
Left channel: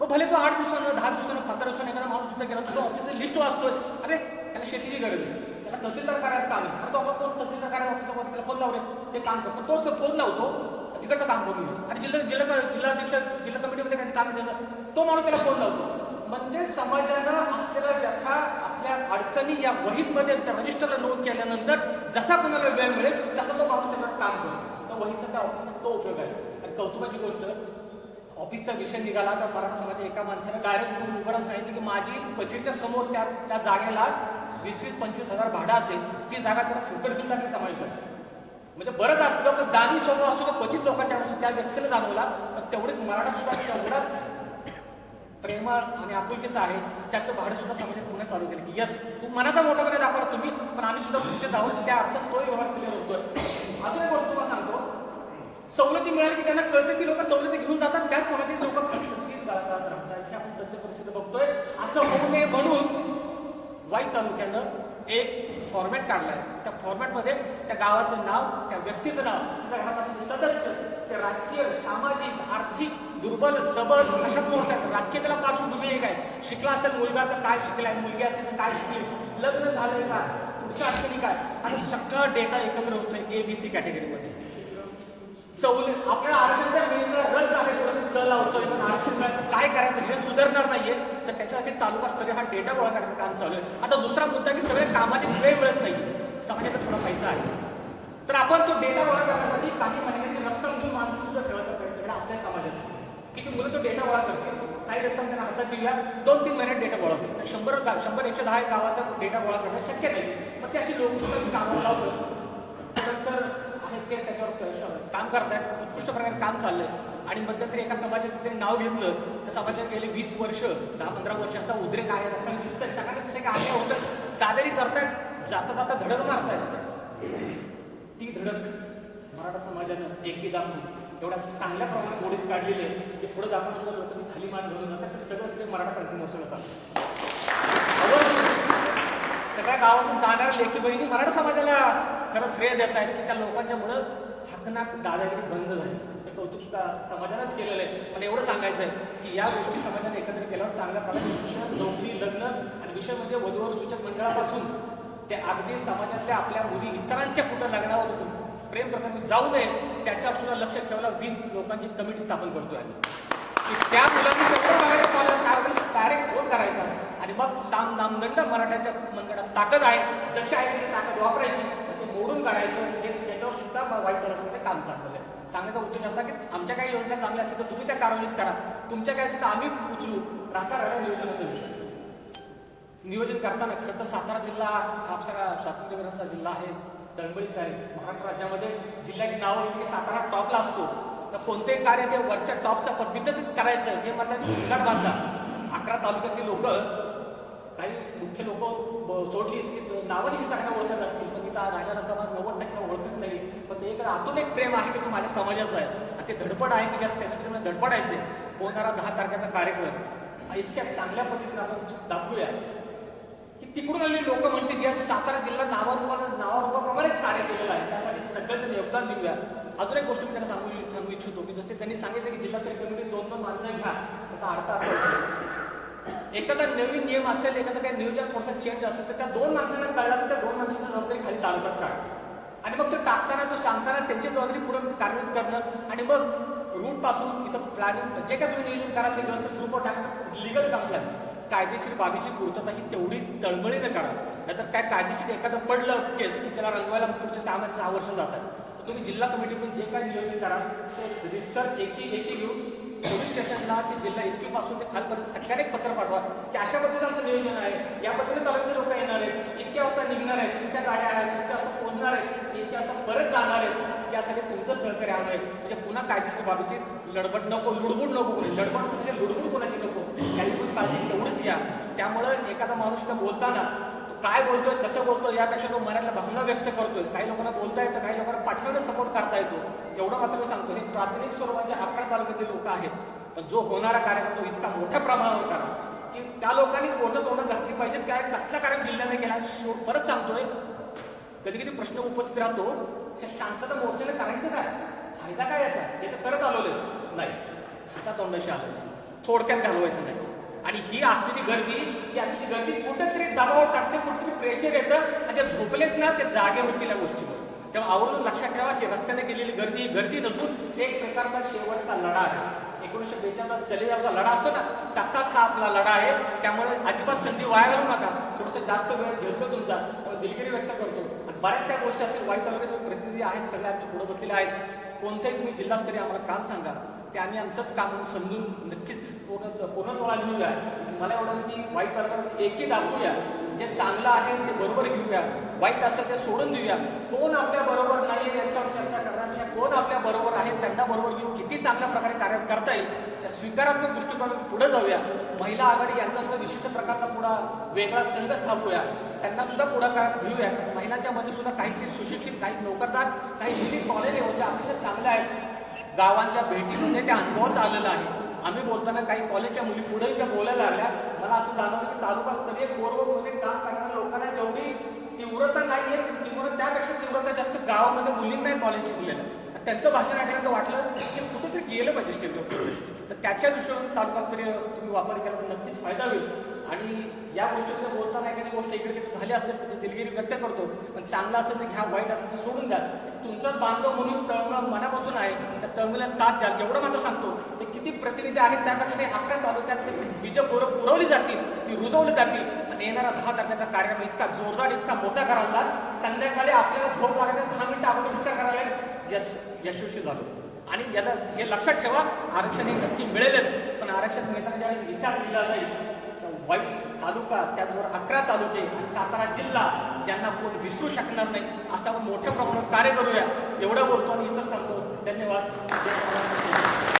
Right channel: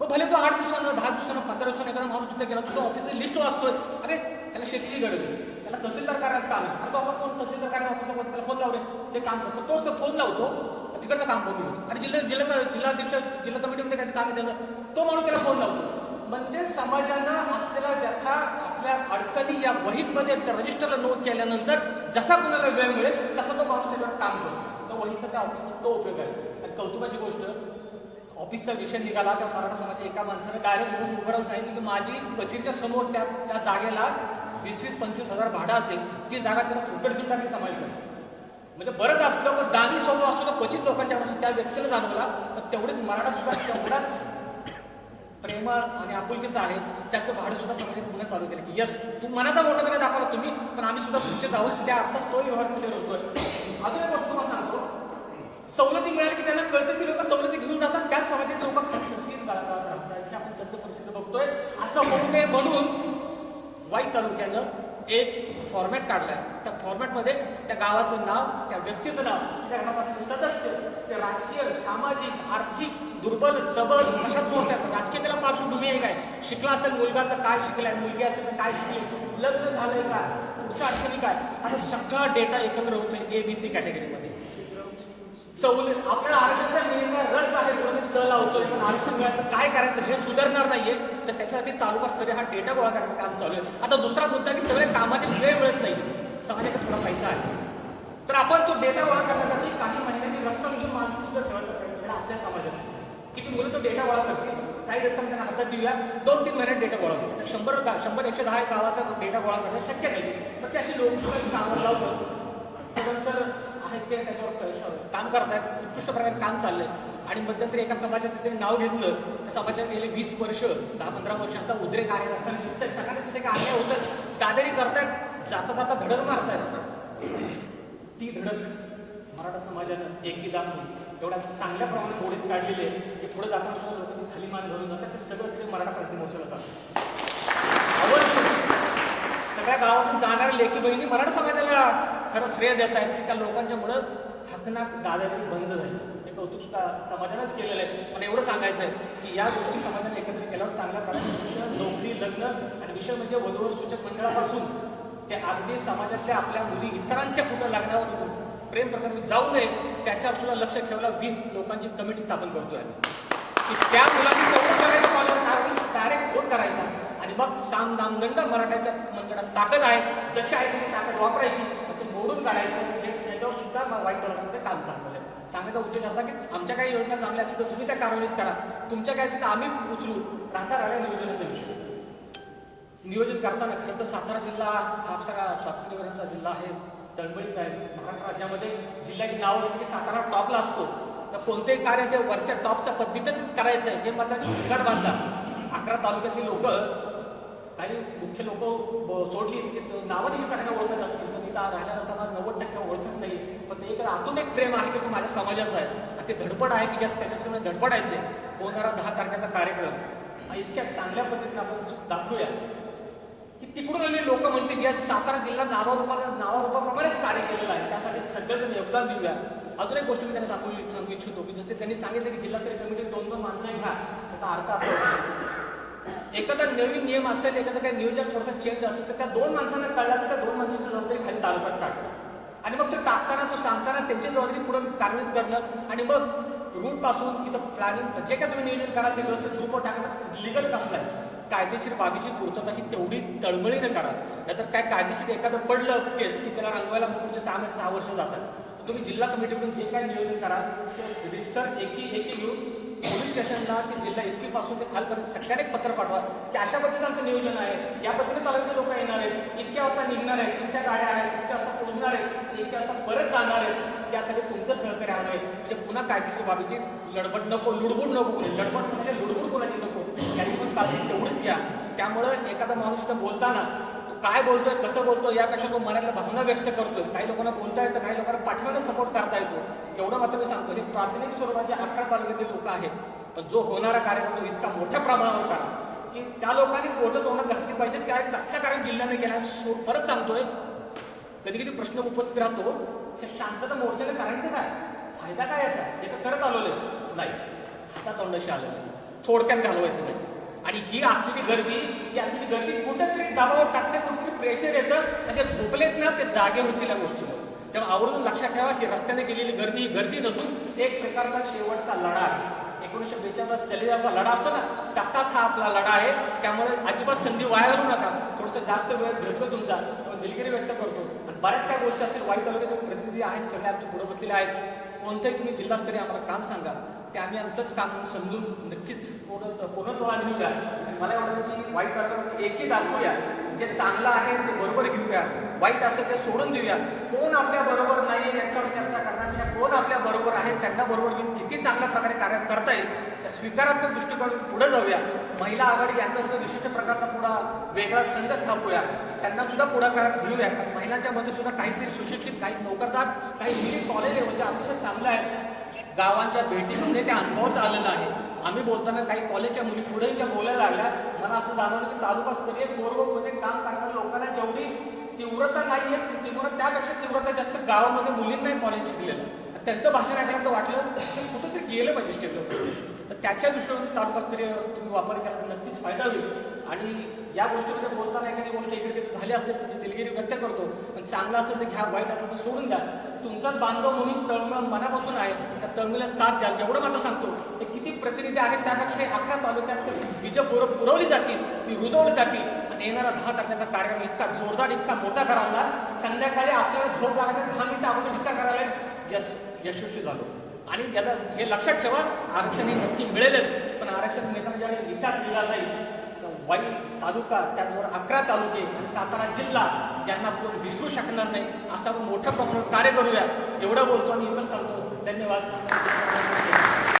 मग भले तो आठ दिवसानं दहा दिवसानं पंधरा दिवसानं एखादा माणूस सुद्धा गेला तो ऑफिसची लिस्ट वाचतोय. अरे त्याला शेतीची गरज आहे. त्याला तहसीलदार कार्यात काम आहे. अरे बाबा कोण तहसीलदार कार्य त्याला फोन लावले ते काम करतो तो असं फोन लावतो तिकडचं काम करून घेतो. आणि जिल्हा जिल्हा जिल्हाधीश जिल्हा कमिटीमध्ये काही काम केलं त्याचं. तो माणूस त्याला फोन लावतो. म्हणजे समाजानं असलेल्या व्यथा आपल्या अडचणी या वहीतमध्ये त्या रजिस्टरला नोंद केल्यानंतर जसा कुणाला वेळ मिळेल तसा तो माणूस त्याच्यावर काम करतो. वहीचा त्या ऑफिसचा तो उपयोग आहे. आणि कौतुकाची गोष्ट ऑफिसचा विषय निघाला त्या मराठा समाजाच्या एका माणसानं डायरेक्ट उभं राहून सांगितलं की माझी कचेरीच्या समोर त्या त्या जागेला वीस वीस पंचवीस हजार भाडं असेल ती जागा त्याला फुकट घेऊन टाकली समाज म्हणजे बरंच असलं पण दानी समोर असतो तर क्वचित लोकांच्या त्या व्यक्तीला जाणवला पण तेवढेच मराठा सुद्धा तेवढाच प्रेमळ आणि आपुलकीचं आहे त्याचं भाडं सुद्धा समाजात पुन्हा चालू केलं की यस तू मनाचा मोठापणा दाखवला तुम्ही पण आम्ही सुद्धा तुमचे आहोत त्या अर्थात तोही व्यवहार क्लिअर होतोय. अजून एक गोष्ट तुम्हाला सांगतो. सवलती मिळाली की त्यांना कळतं की लोक सवलती घेऊन जातात. त्याच समाजाचे लोक खटखटीत गाळगाळत राहतात. हे आपण सध्या परिस्थिती बघतोय. असं होऊ नये म्हणून वाई तालुक्यानं एक फॉर्मॅट काढलाय. त्या फॉर्मॅटमध्ये त्या गावाचं नाव त्या व्यक्तीचं नाव त्या घरात असलेले सदस्य ते राजकीय सामाजिक आर्थिक दुर्बल सबल अशात मोडतात राजकीय त्याला पार्श्वभूमी एक आहे शिकला असेल मुलगा तर काय शिकलाय मुलगी असेल तर काय शिकली लग्न झालंय का? पुढच्या अडचणी काय? आता सगळा डेटा एकत्र होतोय ए बी सी कॅटेगरीमध्ये सवलत आपल्याला आरक्षण मिळणं रस आहे म्हणून चल लावतोय पण आरक्षण मिळालं तर काय करायचं? हे सुधारणार नाहीये. तर त्याच्यासाठी तालुका स्तरीय हा डेटा गोळा करायचं काम चालू आहे. आता दुसरा मुद्दा की सगळे कामाची वेळ मिळत नाही समाजाकडे थोडा पैसा आहे. तर आपण तो डेटा गोळा करण्यासाठी काही महिन्यांची रक्कम घेऊन माणसं सुद्धा ठेवायचा प्रयत्न केला आपल्या समाजात. की ती मुलं तो डेटा गोळा करतील? काही रक्कम त्यांना हातात देऊया दोन तीन महिन्यात डेटा गोळा होईल. तर शंभर शंभर एकशे दहा गावाचा डेटा गोळा करणं शक्य नाही. मग ते अशी लोक कामाला लावतात. तर सर आहेत त्याच्यावर क- काम करतायत उत्कृष्ट प्रकारे काम चाललंय. आणि मध्यंतरी एका समाजात त्यांनी नाव घेतलं. त्या समाजात गेले वीस वर्ष दहा पंधरा वर्षाचा उद्रेक आहे रस्त्याने दिसतंय. सगळ्यांना दिसतंय की अन्याय होतं दादारी करतायत जाता जाता धडक मारतायत. ती धडक मराठा समाजानं एकी दाखवून एवढ्या चांगल्या प्रमाणे मोडीत काढलेली आहे की थोडं जाताना सुद्धा लोकांनी खाली मान घालून जातात. ते सगळं सगळे मराठा क्रांती मोर्चाला जातात. आवर्जून सगळ्या गावातून जाणाऱ्या लेखी बहिणी मराठा समाजाला खरं श्रेय देत आहेत की त्या लोकांच्यामुळं हकनाक दादागिरी बंद झाली. ते कौतुक सुद्धा समाजानंच केलेलं आहे. मला एवढं सांगायचं आहे की या गोष्टी समाजाने एकत्र केल्यावर चांगल्या प्रकारे नोकरी लग्न आणि विषय म्हणजे वधूवर सूचक मंडळापासून ते अगदी समाजातल्या आपल्या मुली इतरांच्या कुठं लग्नावर प्रेम प्रकरणी जाऊ नये त्याच्यावर सुद्धा लक्ष ठेवायला वीस लोकांची कमिटी स्थापन करतोय आम्ही. की त्या मुलांनी तेवढं करायचं कॉलेज डायरेक्ट फोन करायचा. आणि मग साम दामदंड मराठ्याच्या मनगडात ताकद आहे. जशी आहे तशी ताकद वापरायची. मोडून काढायचं हे त्याच्यावर सुद्धा वाईट तलामध्ये काम चाललेलं आहे. सांगायचा उद्देश असा की आमच्या काही योजना चांगल्या असतील तर तुम्ही त्या कार्यान्वित करा. तुमच्या काय असेल तर आम्ही उचलू. राहता राहिला नियोजनाचा विषय. नियोजन करताना खरं तर सातारा जिल्हा हा सगळा स्वातंत्र्यवीरांचा जिल्हा आहे. दळबळीचा आहे. महाराष्ट्र राज्यामध्ये जिल्ह्याची नावं येते की सातारा टॉपला असतो. तर कोणतेही कार्य ते वरच्या टॉपच्या पद्धतीतच करायचं आहे. हे मात्र उद्घाट बांधला. अकरा तालुक्यातली लोक काही मुख्य लोक सोडली की नावाने मी सगळ्यांना ओळखत असतील. पण इथं राहिलेला समाज नव्वद टक्के ओळखत नाही. पण ते एक आतून एक प्रेम आहे की तो माझ्या समाजाचा आहे. आणि ते धडपड आहे की जास्त त्याच्यासाठी मला धडपडायचे होणारा दहा तारखेचा कार्यक्रम. इतक्या चांगल्या पद्धतीने आपण दाखवूया. की तिकडून आलेले लोक म्हणतील की सातारा जिल्हा नावारूपाला नावारूपाप्रमाणेच कार्य केलेलं आहे. त्यासाठी सगळेजण योगदान देऊया. अजून एक गोष्ट मी त्यांना सांगू सांगू इच्छितो. की जसे त्यांनी सांगितलं की जिल्हास्तरीय कमिटी दोन दोन माणसं घ्या. त्याचा अर्थ असा होतो. एखादा नवीन नियम असेल एखादा काही नियोजन थोडासा चेंज असेल तर त्या दोन माणसांना कळला तर त्या दोन माणसाची जबाबदारी खाली तालुक्यात काढतो आणि मग ते टाकताना तो सांगताना त्यांची जबाबदारी पुढे कार्यान्वित करणं. आणि मग रूटपासून इथं प्लॅनिंग जे काय तुम्ही नियोजन कराल ते व्यवस्थित ग्रुपवर टाकणं लिगल कंप्लाय कायदेशीर बाबीची पूर्तता ही तेवढी तळमळीनं करा. नाहीतर काय कायदेशीर एखादं पडलं केस की त्याला रंगवायला पुढचे सहा महिने सहा वर्ष जातात. तर तुम्ही जिल्हा कमिटीकडून जे काय नियोजन करा ते रितसर एकी एकी घेऊन स्टेशनला ते जिल्हा एस पी पासून ते खालपर्यंत सगळ्यांना एक पत्र पाठवा की अशा पद्धतीचं आमचं नियोजन आहे. या पद्धतीने तालुक्याचे लोक येणार आहेत. इतक्या वाजता निघणार आहेत इतक्या गाड्या आहेत. इतक्या वाजता पोहोचणार आहेत. इतक्या वाजता परत जाणार आहेत. यासाठी तुमचं सहकार्य हवं आहे म्हणजे पुन्हा कायदेशीर बाबीची लडबड नको लुडबुड नको कोणी. लडबड म्हणजे लुडबुड कोणाची नको. याची पण काळजी तेवढीच घ्या. त्यामुळं एखादा माणूस इथं बोलताना तो काय बोलतोय कसं बोलतोय यापेक्षा तो मनातल्या भावना व्यक्त करतोय. काही लोकांना बोलता येतं काही लोकांना पाठवण्याचा सपोर्ट करता येतो. एवढं मात्र मी सांगतो. हे प्राथमिक स्वरूपाचे अकरा तालुक्यातील लोक आहेत. पण जो होणारा कार्यक्रम तो इतका मोठ्या प्रमाणावर करा. की त्या लोकांनी पोटं तोंडात घातली पाहिजेत काय कसला कारण जिल्ह्याने केला? सो- परत सांगतोय कधी कधी प्रश्न उपस्थित राहतो हे शांतता मोर्चाला करायचं काय? फायदा काय याचा? हे तर करत आलेलो आहे. नाही. हातात तोंडाशी आलं नाही. थोडक्यात घालवायचं नाही. आणि ही असलेली गर्दी ही असलेली गर्दी कुठेतरी दबाव टाकते कुठेतरी प्रेशर येतं आणि जे झोपलेत ना ते जागे होतील या गोष्टीमुळे. तेव्हा आवर्जून लक्षात ठेवा की रस्त्याने गेलेली गर्दी ही गर्दी नसून एक प्रकारचा शेवटचा लढा आहे. एकोणीसशे बेचाळीसला चलेगावचा लढा असतो ना तसाच हा आपला लढा आहे. त्यामुळे अजिबात संधी वाया घालू नका. थोडंसं जास्त वेळ घेतलो तुमचा. त्यामुळे दिलगिरी व्यक्त करतो. आणि बऱ्याच काय गोष्टी असतील वाई तालुक्याचे प्रतिनिधी आहेत सगळे आमचे पुढे बसलेले आहेत. कोणतंही तुम्ही जिल्हास्तरीय आम्हाला काम सांगा. ते आम्ही आमचंच काम समजून नक्कीच पूर्ण पूर्णत्वाला लिहूया मला एवढं की वाईट तालुक्यात एकही दाखवूया जे चांगलं आहे ते बरोबर घेऊया. वाईट असेल ते सोडून देऊया. कोण आपल्या बरोबर नाही याच्यावर चर्चा करण्यापेक्षा कोण आपल्या बरोबर आहे त्यांना बरोबर घेऊन किती चांगल्या प्रकारे कार्य करता येईल या स्वीकारात्मक दृष्टिकोनातून पुढे जाऊया. महिला आघाडी यांचा सुद्धा विशिष्ट प्रकारचा पुढा वेगळा संघ स्थापूया. त्यांना सुद्धा पुढाकारात घेऊया. कारण महिलांच्या मध्ये सुद्धा काहीतरी सुशिक्षित काही नोकरदार काही मिली कॉलेज आहे म्हणजे अतिशय चांगलं आहे गावांच्या भेटीमध्ये त्या अनुभवच आलेला आहे. आम्ही बोलताना काही कॉलेजच्या मुली पुढेही ज्या बोलायला लागल्या मला असं जाणवलं की तालुका स्तरीय कोरवमध्ये काम करणाऱ्या लोकांना जेवढी तीव्रता नाही आहे तीव्रता त्यापेक्षा तीव्रता जास्त गावामध्ये मुलींनाही कॉलेज शिकलेलं त्यांचं भाषण ऐकल्यानंतर वाटलं की कुठंतरी गेलं पाहिजे स्टेट तर त्याच्या दृष्टीने तालुकास्तरीय तुम्ही वापर केला तर नक्कीच फायदा होईल. आणि या गोष्टीमध्ये बोलताना एखादी गोष्ट इकडे तिकडे झाली असेल तर ती दिलगिरी व्यक्त करतो. पण चांगलं असेल तर घ्या वाईट असेल तर सोडून द्या. तुमचाच बांधव म्हणून तळमळ मनापासून आहे. त्या तळमळीला साथ द्याल. एवढं मात्र सांगतो ते किती प्रतिनिधी आहेत त्यापेक्षा हे अकरा तालुक्यात ते बीज पुर पुरवली जातील ती रुजवली जातील. आणि येणारा दहा तारखेचा कार्यक्रम इतका जोरदार इतका मोठा करावा संध्याकाळी आपल्याला झोप लागायचा दहा मिनिटं आपण विचार करायला यश यशस्वी झालो. आणि याला हे लक्षात ठेवा आरक्षण हे नक्की मिळेलच. पण आरक्षण मिळताना ज्यावेळी इतिहास लिहिला जाईल तर वाईट तालुका त्याचबरोबर अकरा तालुके आणि सातारा जिल्हा ज्यांना कोण विसरू शकणार नाही. असं आपण मोठ्या प्रमाणावर कार्य करूया. एवढं बोलतो आणि इथंच सांगतो. धन्यवाद.